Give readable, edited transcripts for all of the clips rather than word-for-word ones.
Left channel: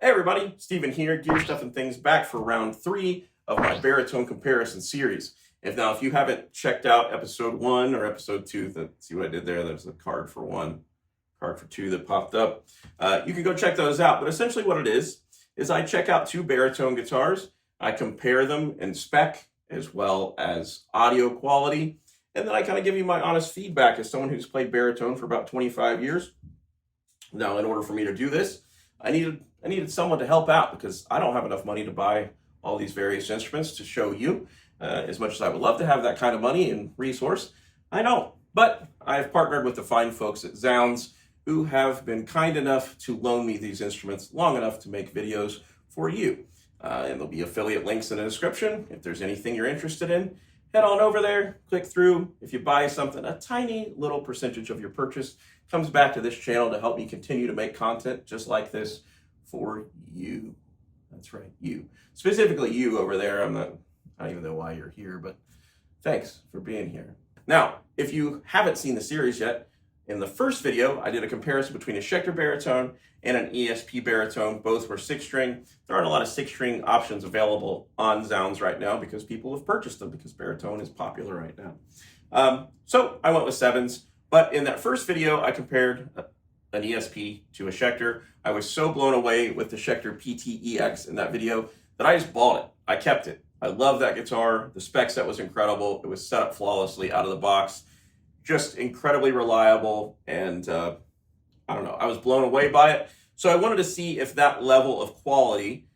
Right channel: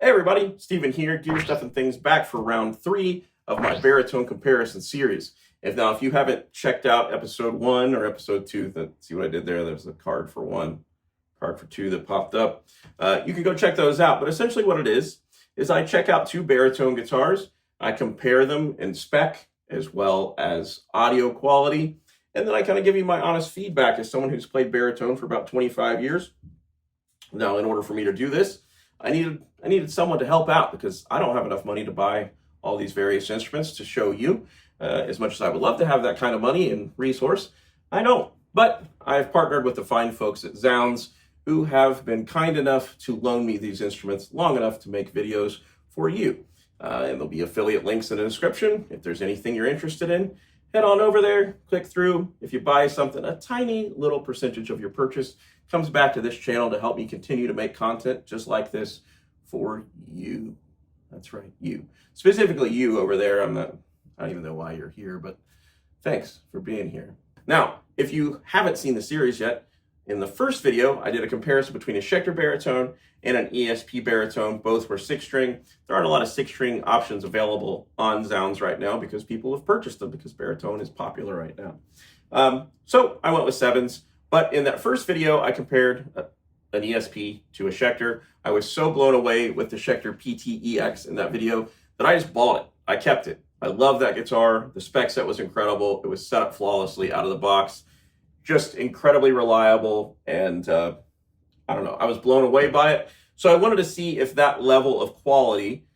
Hey everybody, Steven here, Gear Stuff and Things, back for round 3 of my baritone comparison series. If you haven't checked out episode 1 or episode 2, see what I did there? There's a card for 1, card for 2 that popped up. You can go check those out, but essentially what it is I check out 2 baritone guitars, I compare them in spec as well as audio quality, and then I kind of give you my honest feedback as someone who's played baritone for about 25 years. Now, in order for me to do this, I needed someone to help out because I don't have enough money to buy all these various instruments to show you. As much as I would love to have that kind of money and resource, I don't. But I have partnered with the fine folks at Zounds who have been kind enough to loan me these instruments long enough to make videos for you. And there'll be affiliate links in the description. If there's anything you're interested in, head on over there, click through. If you buy something, a tiny little percentage of your purchase comes back to this channel to help me continue to make content just like this for you. That's right, you. Specifically you over there. I don't even know why you're here, but thanks for being here. Now, if you haven't seen the series yet, in the first video, I did a comparison between a Schecter baritone and an ESP baritone. Both were 6-string. There aren't a lot of 6-string options available on Zounds right now because people have purchased them because baritone is popular right now. So I went with 7s. But in that first video, I compared an ESP to a Schecter. I was so blown away with the Schecter PT-EX in that video that I just bought it. I kept it. I love that guitar. The spec set was incredible. It was set up flawlessly out of the box. Just incredibly reliable. And I don't know, I was blown away by it. So I wanted to see if that level of quality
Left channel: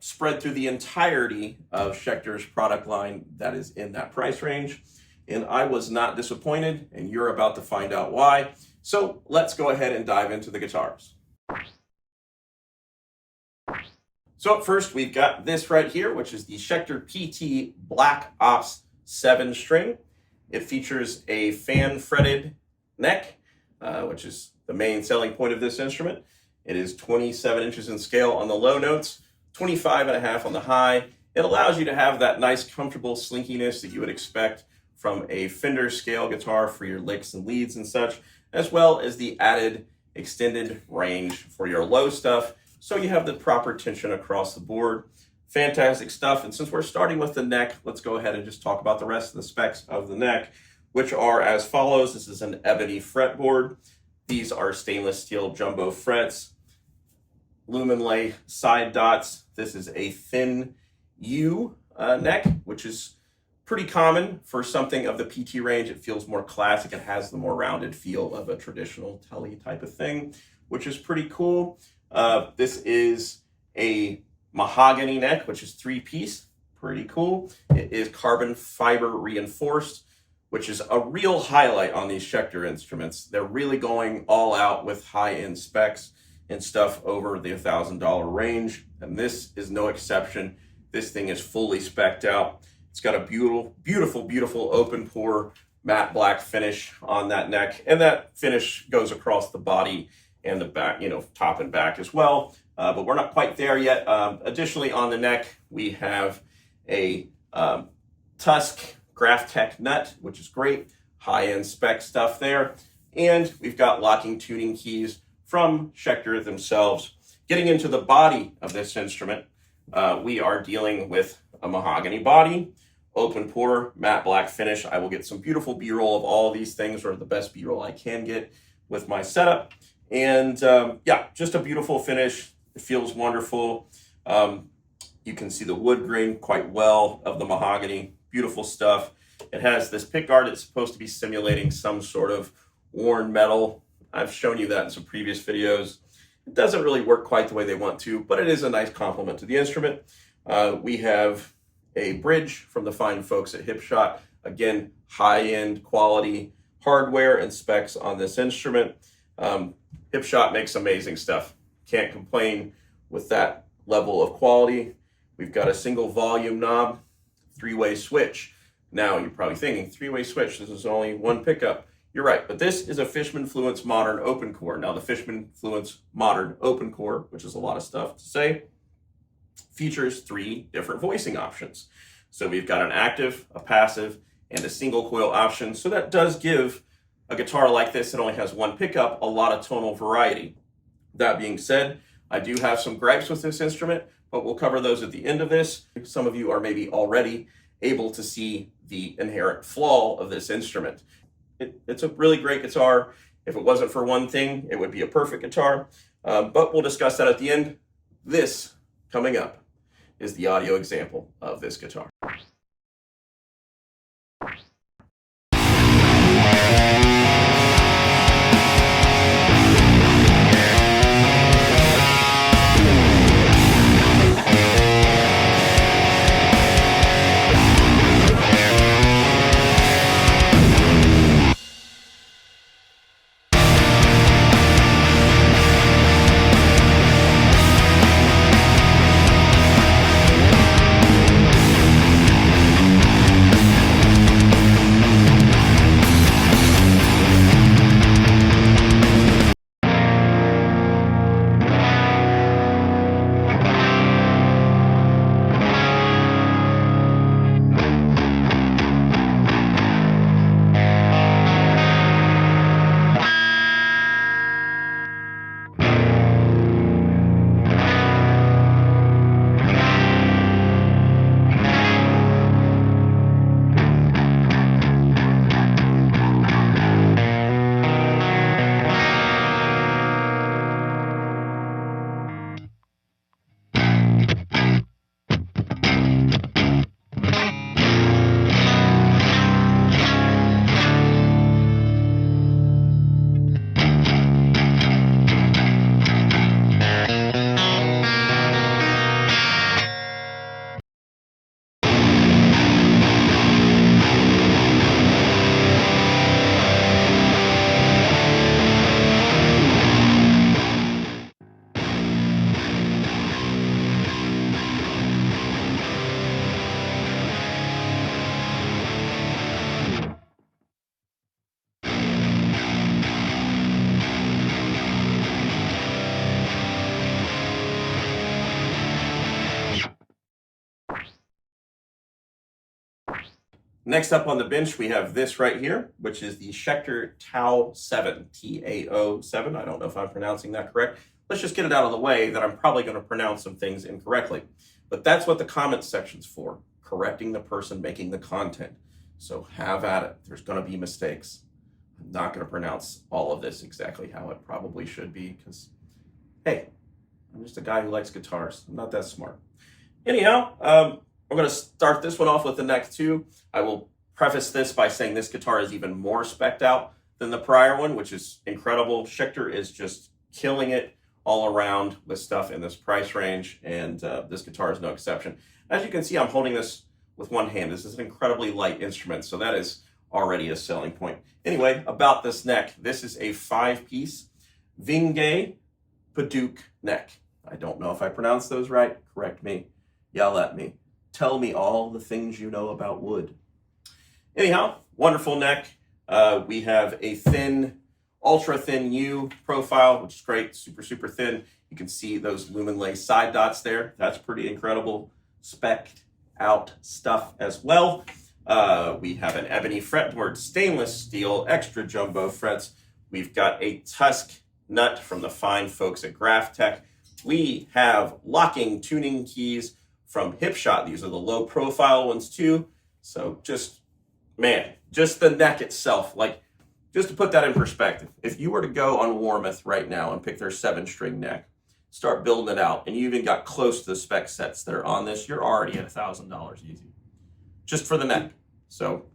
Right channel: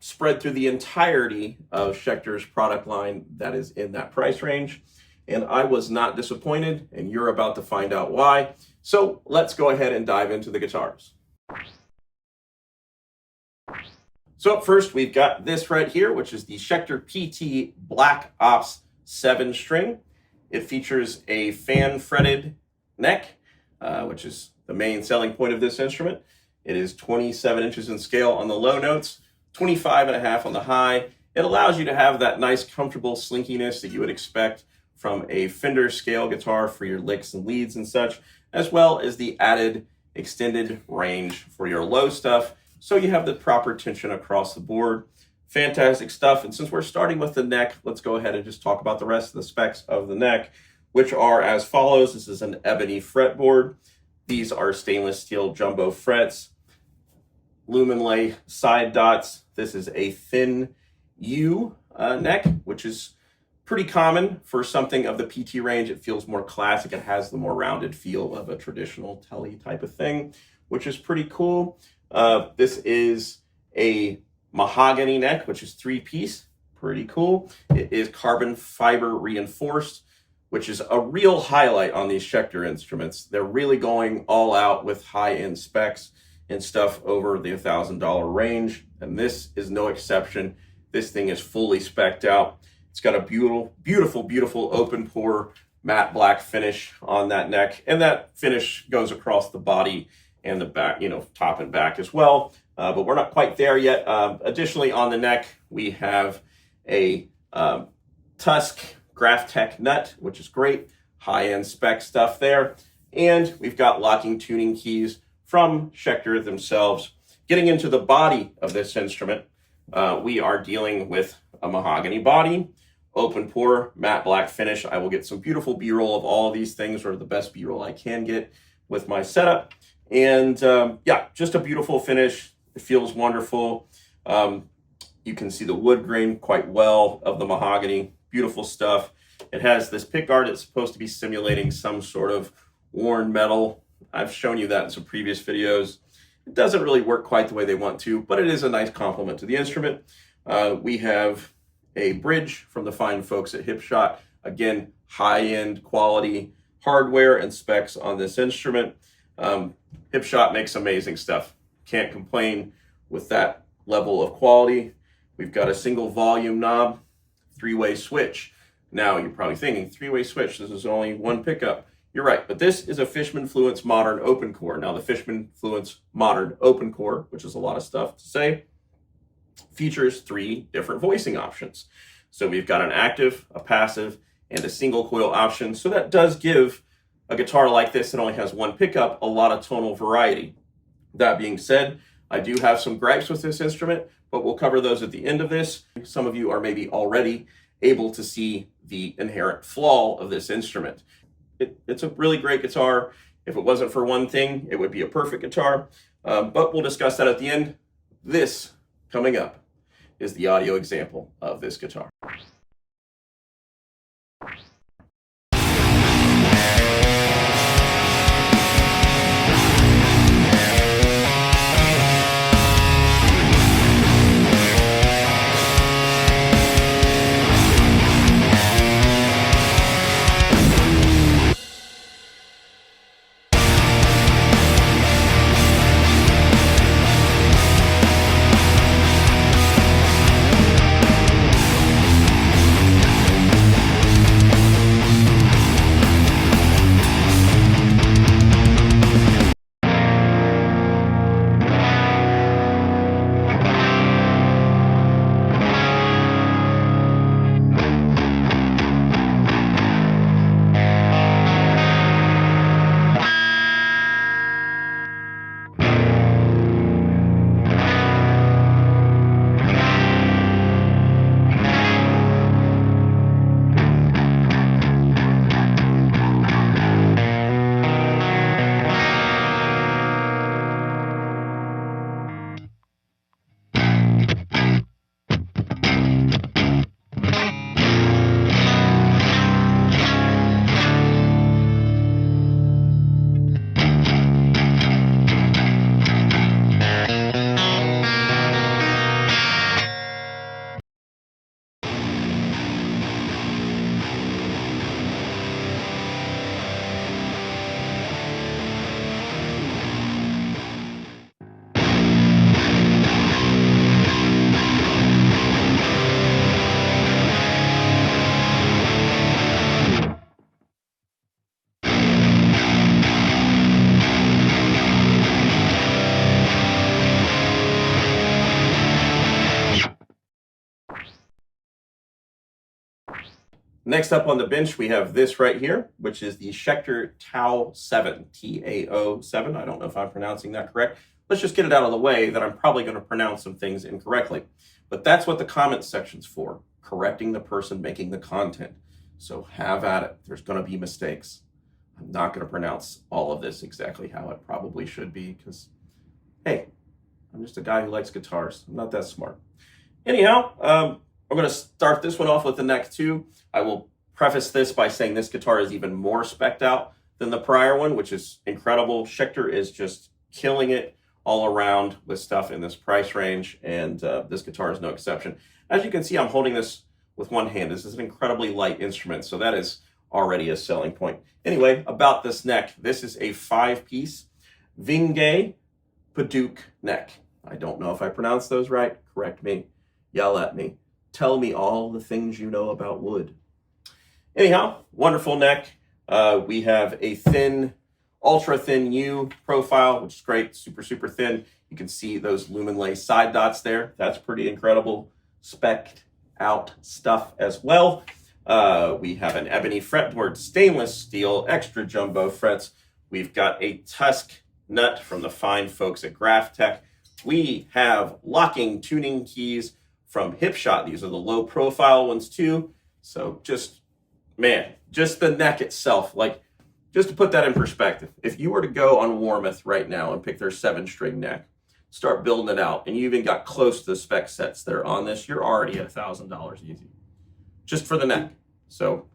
spread through the entirety of Schecter's product line that is in that price range. And I was not disappointed, and you're about to find out why. So let's go ahead and dive into the guitars. So up first, we've got this right here, which is the Schecter PT Black Ops 7-string. It features a fan-fretted neck, which is the main selling point of this instrument. It is 27 inches in scale on the low notes, 25.5 on the high. It allows you to have that nice, comfortable slinkiness that you would expect from a Fender scale guitar for your licks and leads and such, as well as the added extended range for your low stuff, so you have the proper tension across the board. Fantastic stuff. And since we're starting with the neck, let's go ahead and just talk about the rest of the specs of the neck, which are as follows. This is an ebony fretboard. These are stainless steel jumbo frets, lumen lay side dots. This is a thin U neck, which is pretty common for something of the PT range. It feels more classic. It has the more rounded feel of a traditional telly type of thing, which is pretty cool. This is a mahogany neck, which is 3-piece. Pretty cool. It is carbon fiber reinforced, which is a real highlight on these Schecter instruments. They're really going all out with high-end specs and stuff over the $1,000 range, and this is no exception. This thing is fully spec'd out. It's got a beautiful open pore matte black finish on that neck, and that finish goes across the body and the back, top and back as well. But we're not quite there yet. Additionally, on the neck, we have a Tusk Graphtec nut, which is great, high-end spec stuff there. And we've got locking tuning keys from Schecter themselves. Getting into the body of this instrument, we are dealing with a mahogany body, open pore, matte black finish. I will get some beautiful B-roll of all of these things, or the best B-roll I can get with my setup. And yeah, just a beautiful finish. It feels wonderful. You can see the wood grain quite well of the mahogany. Beautiful stuff. It has this pickguard. It's supposed to be simulating some sort of worn metal. I've shown you that in some previous videos. It doesn't really work quite the way they want to, but it is a nice complement to the instrument. We have a bridge from the fine folks at Hipshot. Again, high-end quality hardware and specs on this instrument. Hipshot makes amazing stuff. Can't complain with that level of quality. We've got a single volume knob, 3-way switch. Now you're probably thinking, 3-way switch, this is only one pickup. You're right, but this is a Fishman Fluence Modern Open Core. Now the Fishman Fluence Modern Open Core, which is a lot of stuff to say, features 3 different voicing options. So we've got an active, a passive, and a single coil option. So that does give a guitar like this that only has one pickup a lot of tonal variety. That being said, I do have some gripes with this instrument, but we'll cover those at the end of this. Some of you are maybe already able to see the inherent flaw of this instrument. It's a really great guitar. If it wasn't for one thing, it would be a perfect guitar, but we'll discuss that at the end. This coming up is the audio example of this guitar. Next up on the bench, we have this right here, which is the Schecter Tao 7, T-A-O 7. I don't know if I'm pronouncing that correct. Let's just get it out of the way that I'm probably going to pronounce some things incorrectly. But that's what the comment section's for, correcting the person making the content. So have at it. There's going to be mistakes. I'm not going to pronounce all of this exactly how it probably should be because, hey, I'm just a guy who likes guitars. I'm not that smart. Anyhow, we're going to start this one off with the neck 2. I will preface this by saying this guitar is even more specced out than the prior one, which is incredible. Schecter is just killing it all around with stuff in this price range, and this guitar is no exception. As you can see, I'm holding this with one hand. This is an incredibly light instrument, so that is already a selling point. Anyway, about this neck, this is a 5-piece Vinge Paduk neck. I don't know if I pronounced those right. Correct me. Yell at me. Tell me all the things you know about wood. Anyhow, wonderful neck. We have a thin, ultra thin U profile, which is great, super, super thin. You can see those lumen lay side dots there. That's pretty incredible. Specced out stuff as well. We have an ebony fretboard, stainless steel, extra jumbo frets. We've got a Tusk nut from the fine folks at Graphtec. We have locking tuning keys from Hipshot. These are the low profile ones too. So just, man, just the neck itself, like just to put that in perspective, if you were to go on Warmoth right now and pick their 7-string neck, start building it out, and you even got close to the spec sets that are on this, you're already at $1,000 easy, just for the neck. So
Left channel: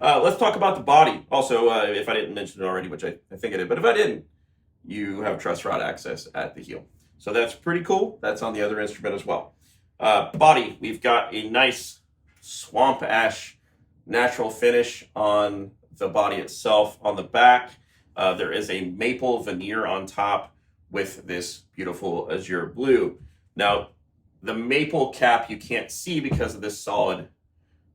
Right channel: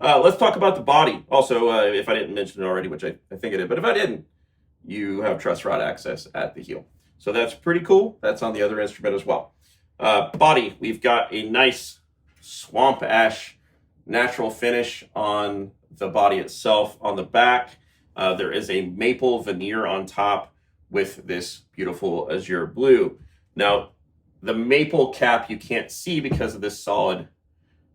let's talk about the body. Also, if I didn't mention it already, which I think I did, but if I didn't, you have truss rod access at the heel. So that's pretty cool. That's on the other instrument as well. Body, we've got a nice swamp ash natural finish on the body itself. On the back, there is a maple veneer on top with this beautiful azure blue. Now, the maple cap you can't see because of this solid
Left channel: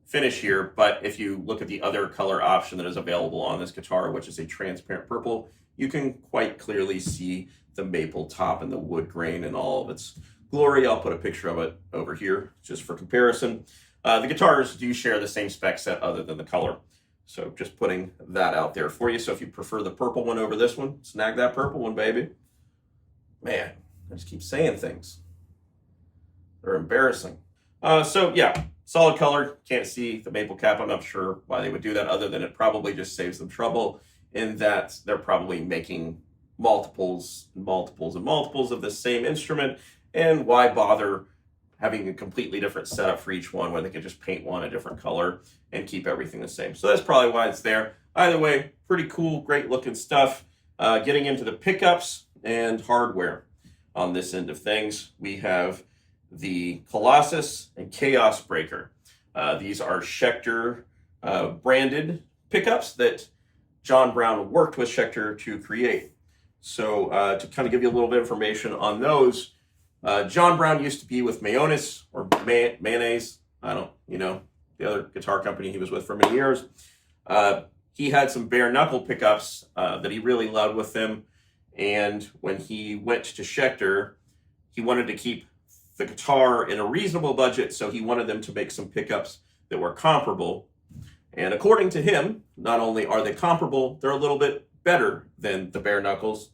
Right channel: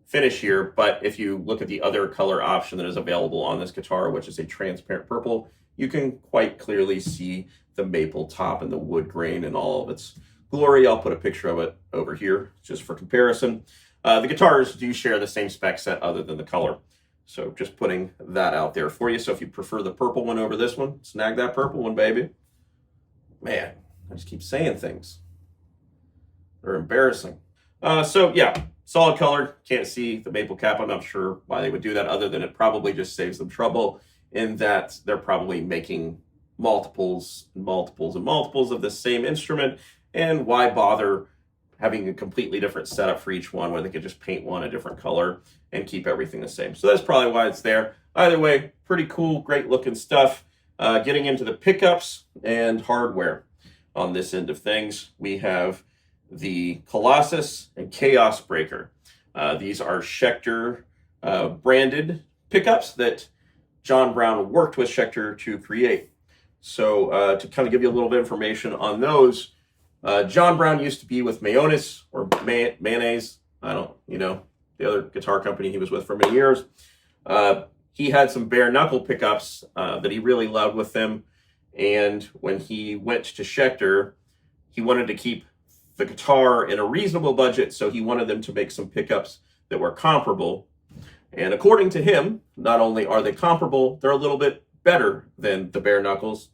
finish here, but if you look at the other color option that is available on this guitar, which is a transparent purple, you can quite clearly see the maple top and the wood grain and all of its glory. I'll put a picture of it over here just for comparison. The guitars do share the same spec set other than the color. So just putting that out there for you. So if you prefer the purple one over this one, snag that purple one, baby. Man, I just keep saying things. They're embarrassing. So yeah, solid color. Can't see the maple cap. I'm not sure why they would do that, other than it probably just saves them trouble in that they're probably making multiples and multiples and multiples of the same instrument. And why bother having a completely different setup for each one where they could just paint one a different color and keep everything the same. So that's probably why it's there. Either way, pretty cool, great looking stuff. Getting into the pickups and hardware on this end of things, we have the Colossus and Chaos Breaker. These are Schecter branded pickups that John Browne worked with Schecter to create. So to kind of give you a little bit of information on those, John Browne used to be with Mayonnaise or Mayonnaise. I don't, the other guitar company he was with for many years. He had some bare knuckle pickups that he really loved with him. And when he went to Schecter, he wanted to keep the guitar in a reasonable budget. So he wanted them to make some pickups that were comparable. And according to him, not only are they comparable, they're a little bit better than the bare knuckles.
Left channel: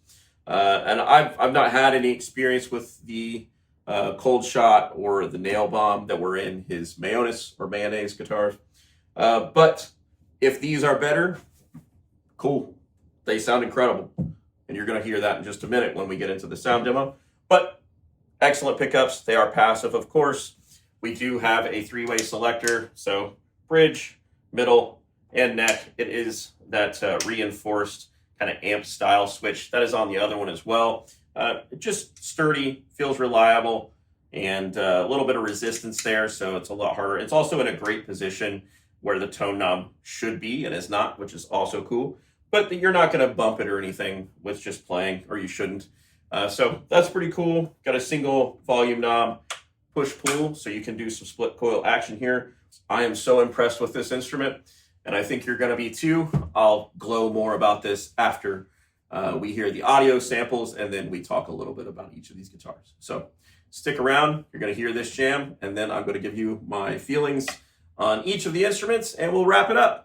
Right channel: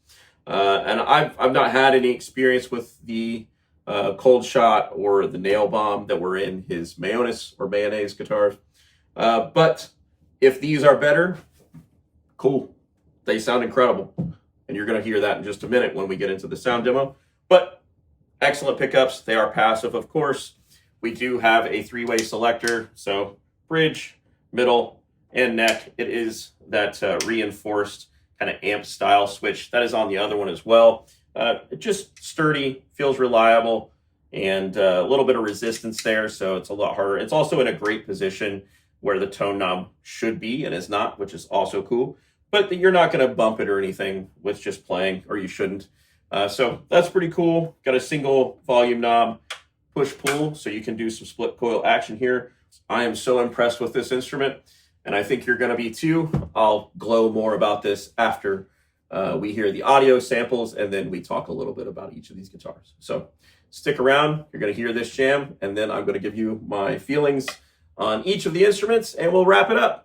And I've not had any experience with the cold shot or the nail bomb that were in his mayonnaise guitars. But if these are better, cool. They sound incredible. And you're going to hear that in just a minute when we get into the sound demo. But excellent pickups. They are passive, of course. We do have a three-way selector. So bridge, middle, and neck. It is that reinforced kind of amp style switch that is on the other one as well. Just sturdy, feels reliable, and a little bit of resistance there, so it's a lot harder. It's also in a great position where the tone knob should be and is not, which is also cool. But you're not going to bump it or anything with just playing, or you shouldn't. So that's pretty cool. Got a single volume knob, push-pull, so you can do some split coil action here. I am so impressed with this instrument, and I think you're going to be too. I'll glow more about this after we hear the audio samples, and then we talk a little bit about each of these guitars. So stick around. You're going to hear this jam, and then I'm going to give you my feelings on each of the instruments, and we'll wrap it up.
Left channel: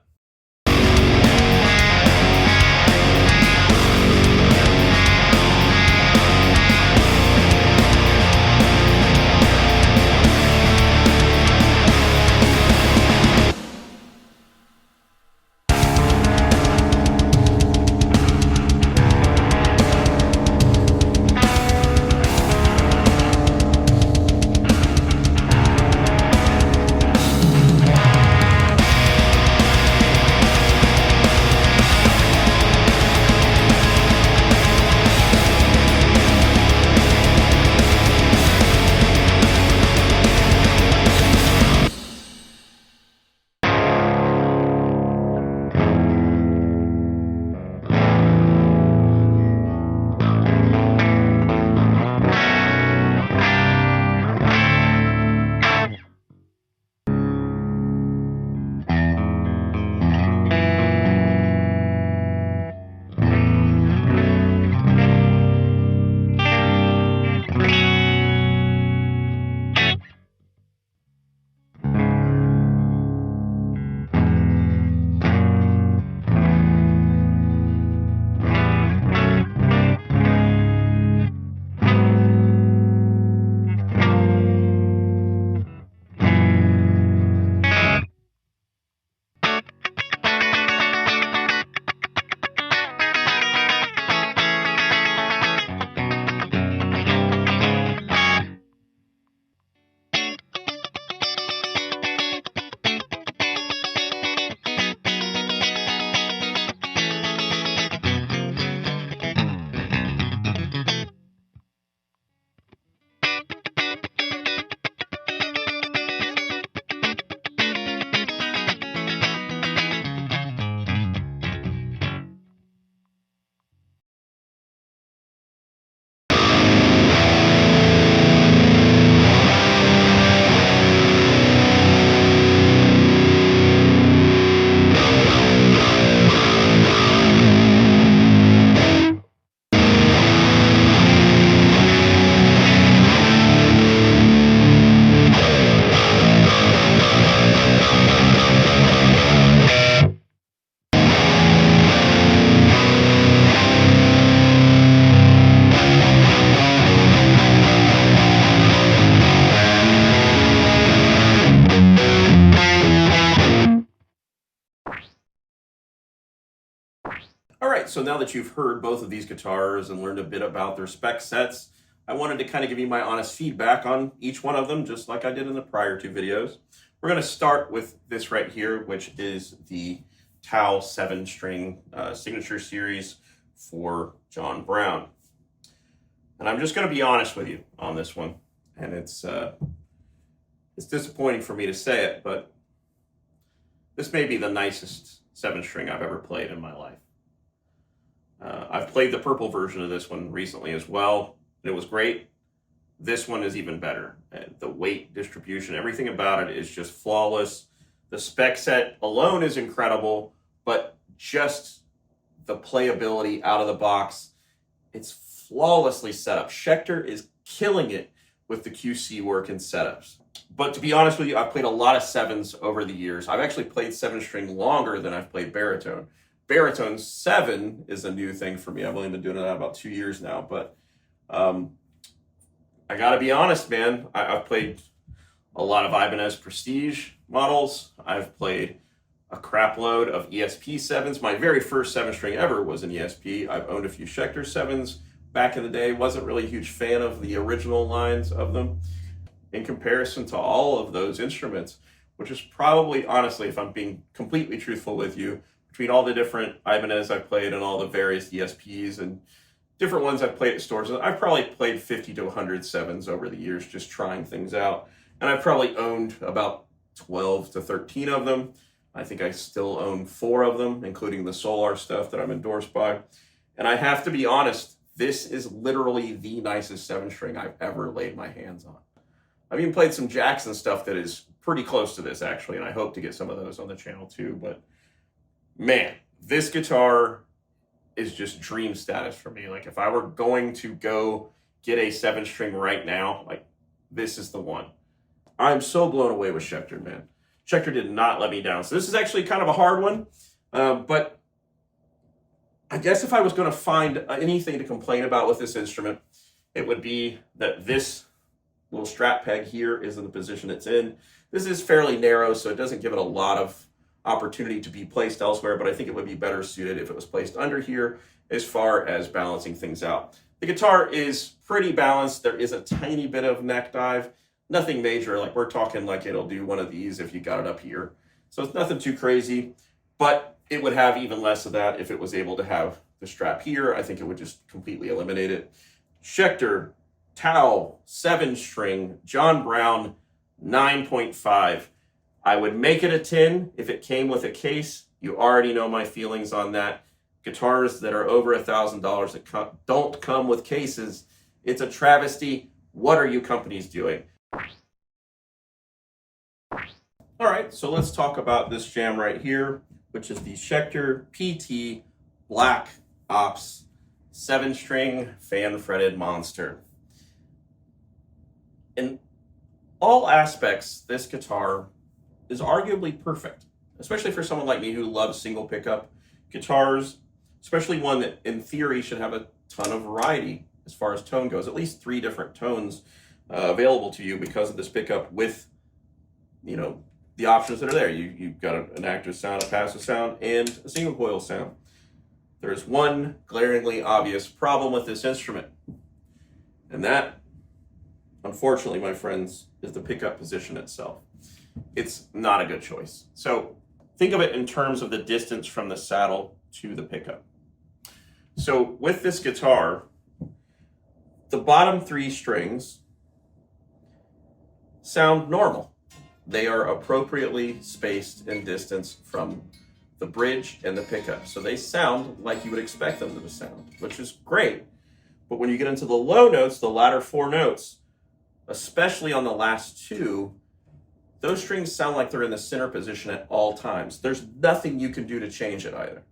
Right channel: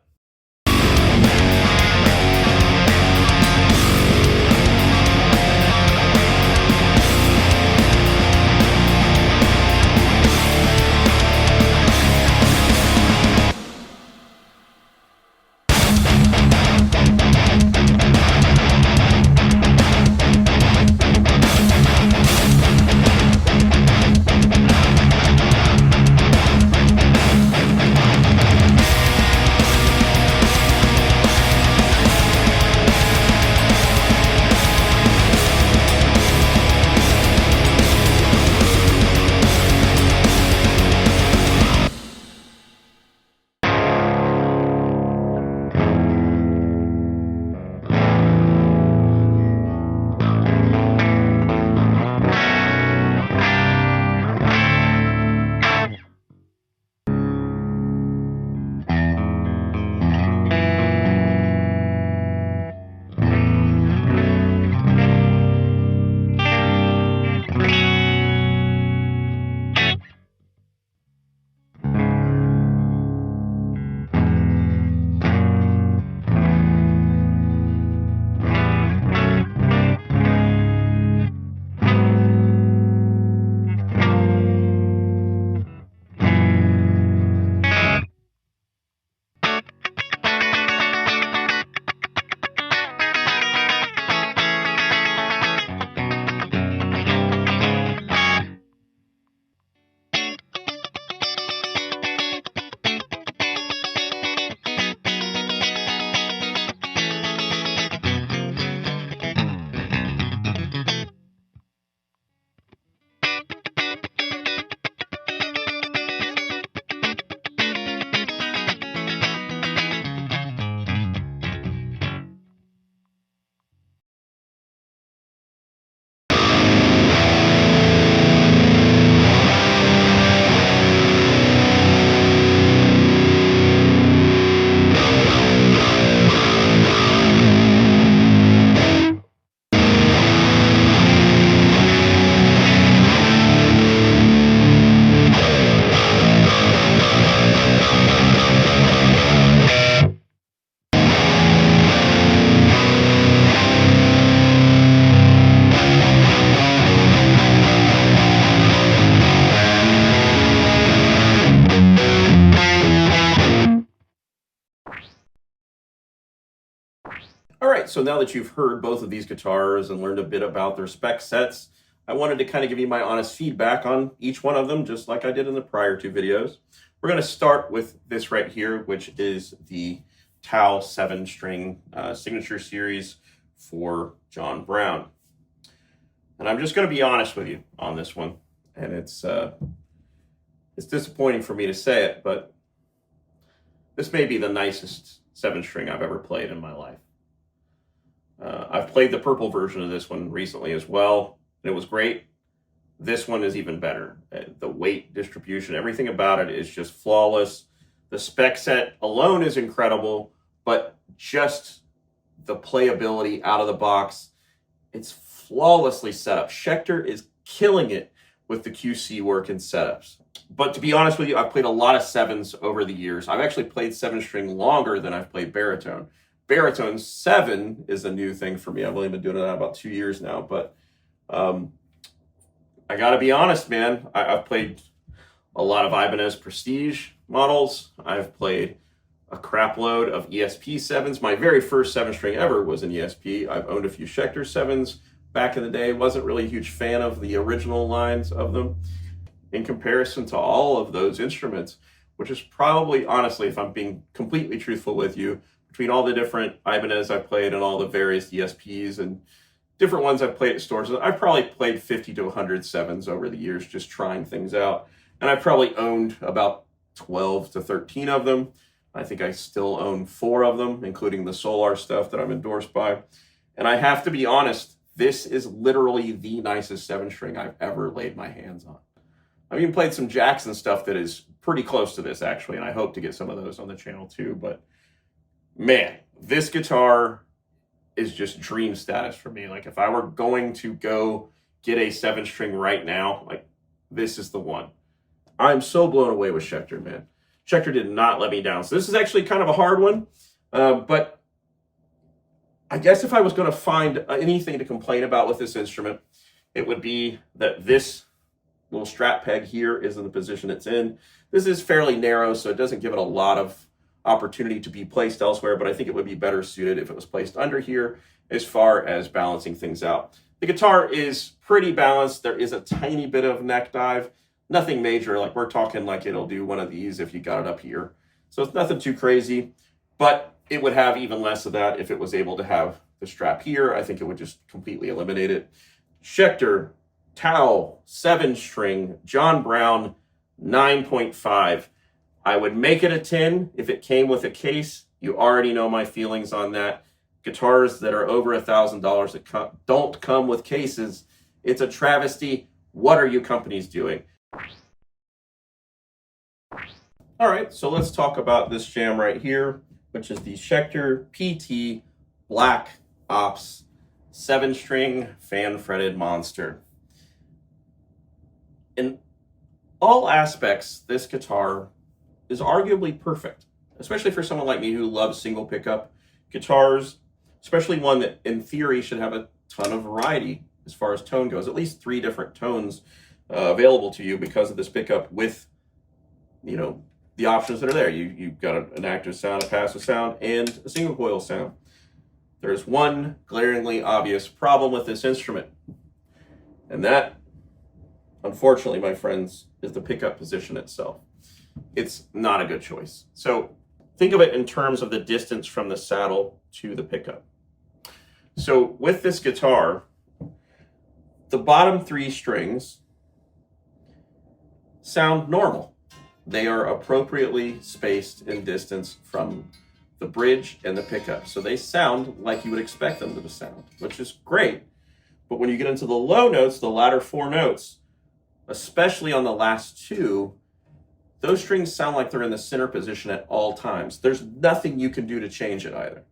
so now that you've heard both of these guitars and learned a bit about their spec sets, I wanted to kind of give you my honest feedback on each one of them, just like I did in the prior two videos. We're going to start with this right here, which is the Tao 7-string signature series for John Browne. And I'm just going to be honest with you on this one. And it's disappointing for me to say it, but this may be the nicest 7-string I've ever played in my life. I've played the purple version of this one recently as well, and it was great. This one is even better. The weight distribution, everything about it is just flawless. The spec set alone is incredible, but just the playability out of the box, it's flawlessly set up. Schecter is killing it with the QC work and setups. But to be honest with you, I've played a lot of 7s over the years. I've actually played 7-string longer than I've played baritone. Baritone 7 is a new thing for me. I've only been doing it about 2 years now, but I gotta be honest, man. I've played a lot of Ibanez Prestige models. I've played a crap load of ESP 7s. My very first 7-string ever was an ESP. I've owned a few Schecter 7s back in the day. Wasn't really a huge fan of the original lines of them in comparison to all of those instruments, which is probably, honestly, if I'm being completely truthful with you, between all the different Ibanez I've played and all the various ESPs and different ones I've played at stores, I've probably played 50 to 100 7s over the years, just trying things out. And I've probably owned about 12 to 13 of them. I think I still own 4 of them, including the Solar stuff that I'm endorsed by. And I have to be honest, this is literally the nicest 7-string I've ever laid my hands on. I've even played some Jackson stuff that is pretty close to this, actually, and I hope to get some of those on the channel too. But man, this guitar is just dream status for me. Like, if I were going to go get a 7-string right now, like, this is the one. I'm so blown away with Schecter, man. Schecter did not let me down. So this is actually kind of a hard one, but I guess if I was going to find anything to complain about with this instrument, it would be that this little strap peg here is in the position it's in. This is fairly narrow, so it doesn't give it a lot of opportunity to be placed elsewhere, but I think it would be better suited if it was placed under here as far as balancing things out. The guitar is pretty balanced. There is a tiny bit of neck dive, nothing major. Like, we're talking like it'll do one of these if you got it up here. So it's nothing too crazy, but it would have even less of that if it was able to have the strap here. I think it would just completely eliminate it. Schecter Tao 7-string John Browne 9.5. I would make it a 10 if it came with a case. You already know my feelings on that. Guitars that are over $1,000 that don't come with cases, it's a travesty. What are you companies doing? All right, so let's talk about this jam right here, which is the Schecter PT Black Ops 7-string fan-fretted monster. In all aspects, this guitar is arguably perfect, especially for someone like me who loves single pickup guitars, especially one that in theory should have a ton of variety as far as tone goes, at least 3 different tones available to you because of this pickup with, you know, the options that are there. You've got an active sound, a passive sound, and a single coil sound. There's one glaringly obvious problem with this instrument, and that, unfortunately, my friends, is the pickup position itself. It's not a good choice. So think of it in terms of the distance from the saddle to the pickup. So with this guitar, the bottom 3 strings sound normal. They are appropriately spaced in distance from the bridge and the pickup. So they sound like you would expect them to sound, which is great. But when you get into the low notes, the latter 4 notes, especially on the last 2, those strings sound like they're in the center position at all times. There's nothing you can do to change it either.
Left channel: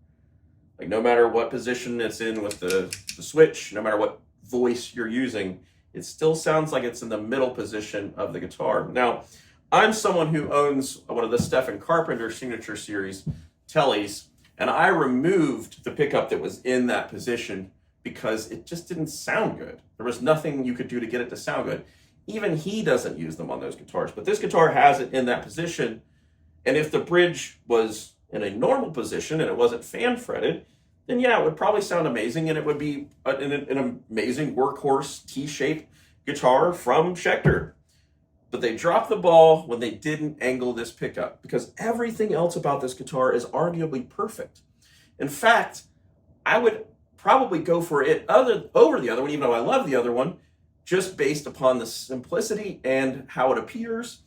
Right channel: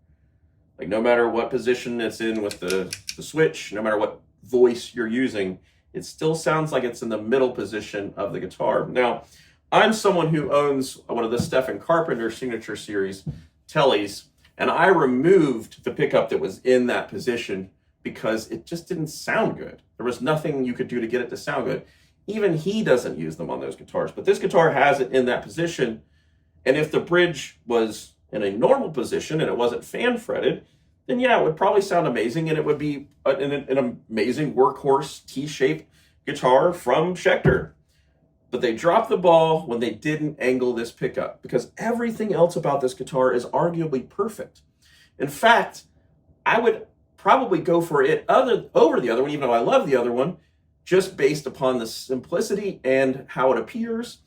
Like, no matter what position it's in with the switch, no matter what voice you're using, it still sounds like it's in the middle position of the guitar. Now, I'm someone who owns one of the Stephen Carpenter signature series Tellys, and I removed the pickup that was in that position because it just didn't sound good. There was nothing you could do to get it to sound good. Even he doesn't use them on those guitars, but this guitar has it in that position. And if the bridge was in a normal position and it wasn't fan fretted, then yeah, it would probably sound amazing, and it would be an amazing workhorse T-shaped guitar from Schecter. But they dropped the ball when they didn't angle this pickup, because everything else about this guitar is arguably perfect. In fact, I would probably go for it over the other one, even though I love the other one, just based upon the simplicity and how it appears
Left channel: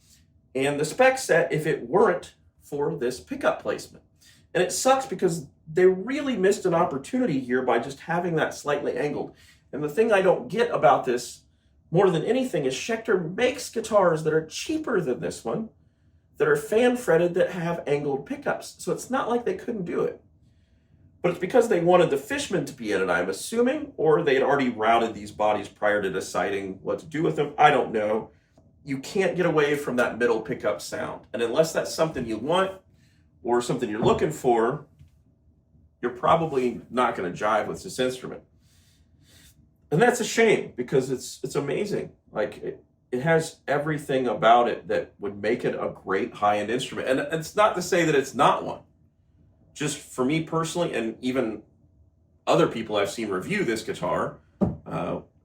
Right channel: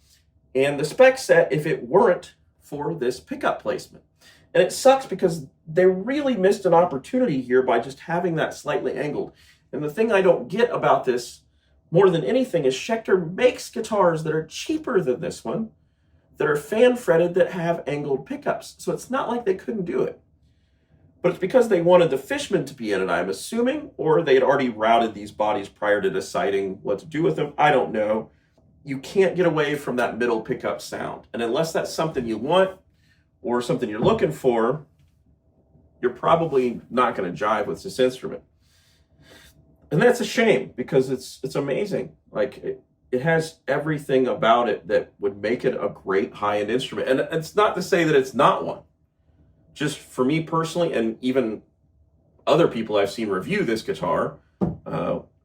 and the spec set if it weren't for this pickup placement. And it sucks because they really missed an opportunity here by just having that slightly angled. And the thing I don't get about this more than anything is Schecter makes guitars that are cheaper than this one, that are fan fretted, that have angled pickups. So it's not like they couldn't do it. But it's because they wanted the Fishman to be in it, I'm assuming, or they had already routed these bodies prior to deciding what to do with them. I don't know. You can't get away from that middle pickup sound. And unless that's something you want or something you're looking for, you're probably not going to jive with this instrument. And that's a shame, because it's amazing. Like, it has everything about it that would make it a great high-end instrument. And it's not to say that it's not one. Just for me personally, and even other people I've seen review this guitar,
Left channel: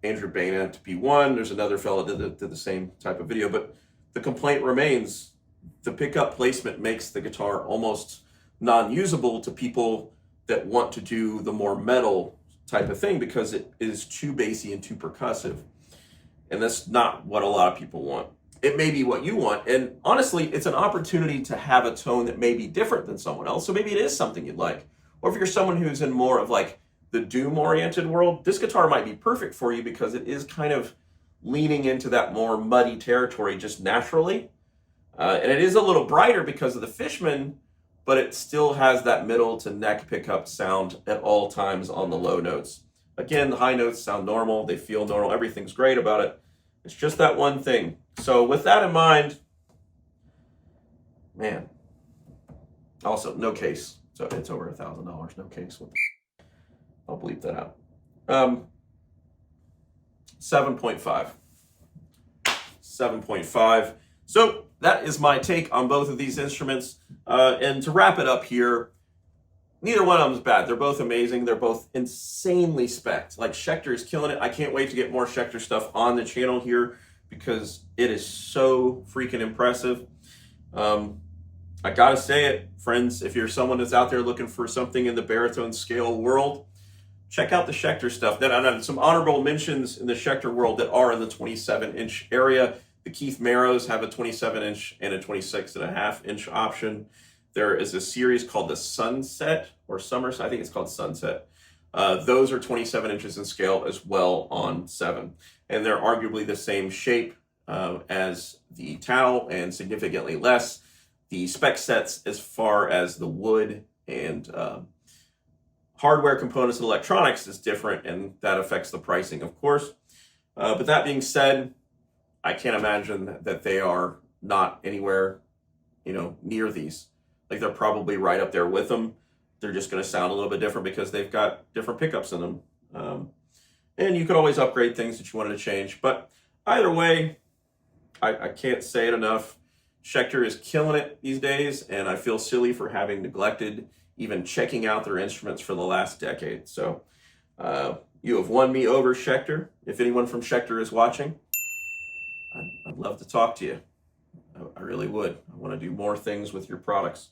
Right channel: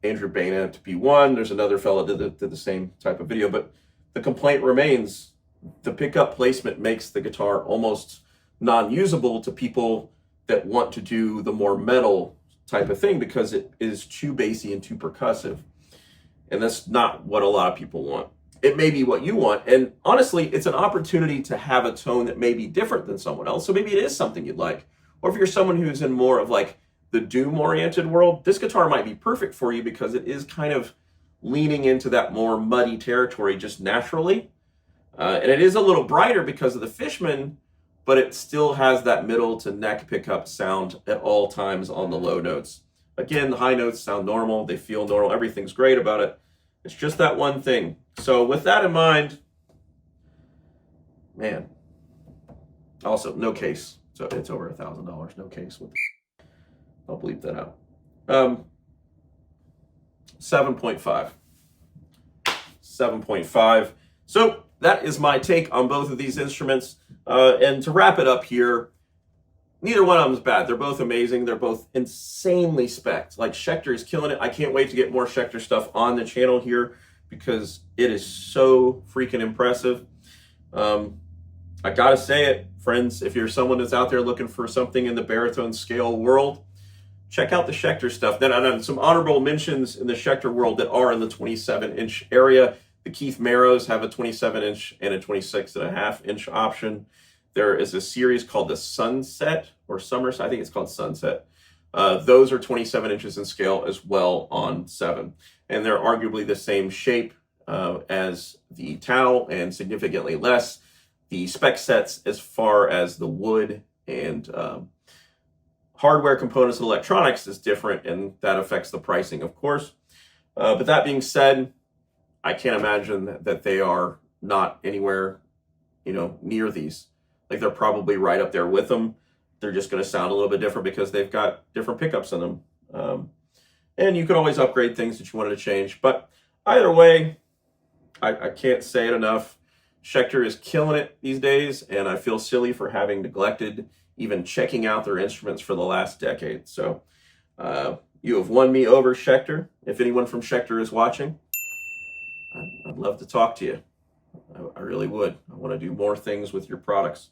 Andrew Baina to be one, there's another fellow that did the same type of video, but the complaint remains, the pickup placement makes the guitar almost non-usable to people that want to do the more metal type of thing, because it is too bassy and too percussive. And that's not what a lot of people want. It may be what you want, and honestly, it's an opportunity to have a tone that may be different than someone else, so maybe it is something you'd like. Or if you're someone who's in more of like the doom-oriented world, this guitar might be perfect for you, because it is kind of leaning into that more muddy territory just naturally. And it is a little brighter because of the Fishman, but it still has that middle to neck pickup sound at all times on the low notes. Again, the high notes sound normal, they feel normal, everything's great about it. It's just that one thing. So with that in mind, man, also no case. So it's over $1,000, no case. I'll bleep that out. 7.5. 7.5. So that is my take on both of these instruments. And to wrap it up here, neither one of them is bad. They're both amazing. They're both insanely spec'd. Like, Schecter is killing it. I can't wait to get more Schecter stuff on the channel here, because it is so freaking impressive. I gotta say it, friends, if you're someone that's out there looking for something in the baritone scale world, check out the Schecter stuff. Then I some honorable mentions in the Schecter world that are in the 27-inch area. The Keith Marrows have a 27-inch and a 26.5-inch option. There is a series called the Sunset or Summers. I think it's called Sunset. Those are 27 inches in scale as well on 7. And they're arguably the same shape as the Tao and significantly less. The spec sets as far as the wood and hardware components and electronics is different, and that affects the pricing, of course. But that being said, I can't imagine that they are not anywhere, near these. Like, they're probably right up there with them. They're just going to sound a little bit different because they've got different pickups in them. And you could always upgrade things that you wanted to change. But either way, I can't say it enough. Schecter is killing it these days, and I feel silly for having neglected even checking out their instruments for the last decade. So you have won me over, Schecter. If anyone from Schecter is watching, I'd love to talk to you. I really would. I want to do more things with your products.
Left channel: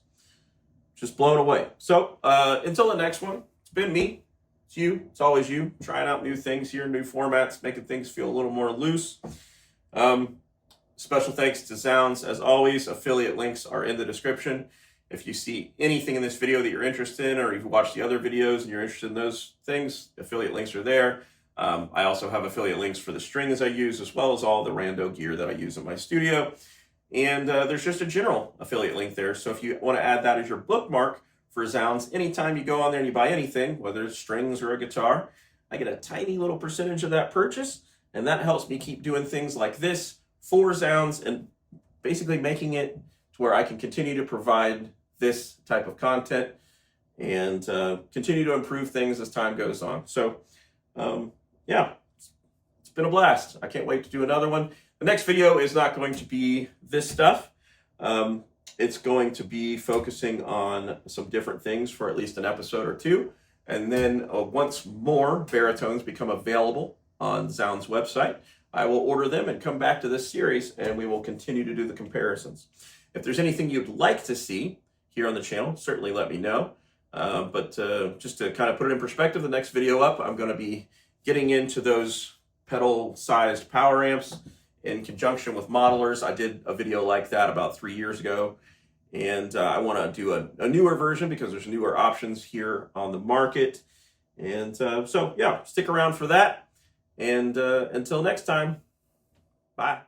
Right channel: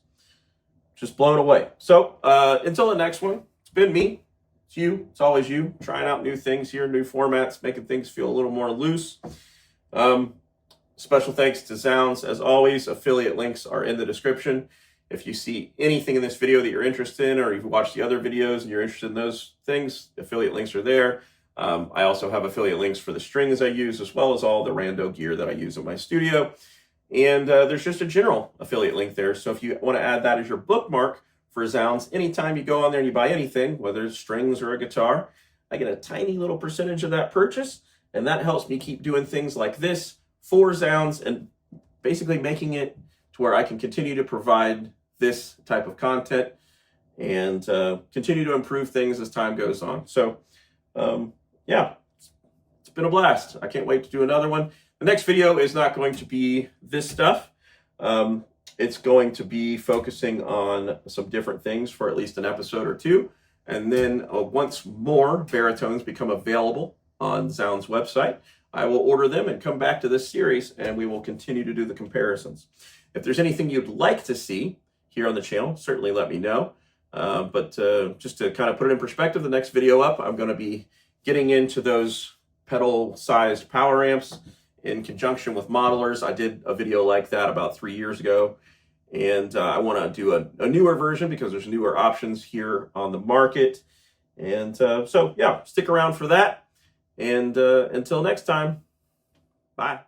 Just blown away. So until the next one, it's been me. It's you. It's always you. Trying out new things here, new formats, making things feel a little more loose. Special thanks to Zounds. As always, affiliate links are in the description. If you see anything in this video that you're interested in, or you've watched the other videos and you're interested in those things, affiliate links are there. I also have affiliate links for the strings I use, as well as all the rando gear that I use in my studio. And there's just a general affiliate link there. So if you want to add that as your bookmark for Zounds, anytime you go on there and you buy anything, whether it's strings or a guitar, I get a tiny little percentage of that purchase. And that helps me keep doing things like this for Zounds, and basically making it to where I can continue to provide this type of content and continue to improve things as time goes on. So yeah, it's been a blast. I can't wait to do another one. The next video is not going to be this stuff. It's going to be focusing on some different things for at least an episode or two. And then once more baritones become available on Zound's website, I will order them and come back to this series, and we will continue to do the comparisons. If there's anything you'd like to see here on the channel, certainly let me know. But just to kind of put it in perspective, the next video up, I'm going to be getting into those pedal-sized power amps in conjunction with modelers. I did a video like that about 3 years ago, and I want to do a newer version because there's newer options here on the market. And so, yeah, stick around for that. And until next time, bye.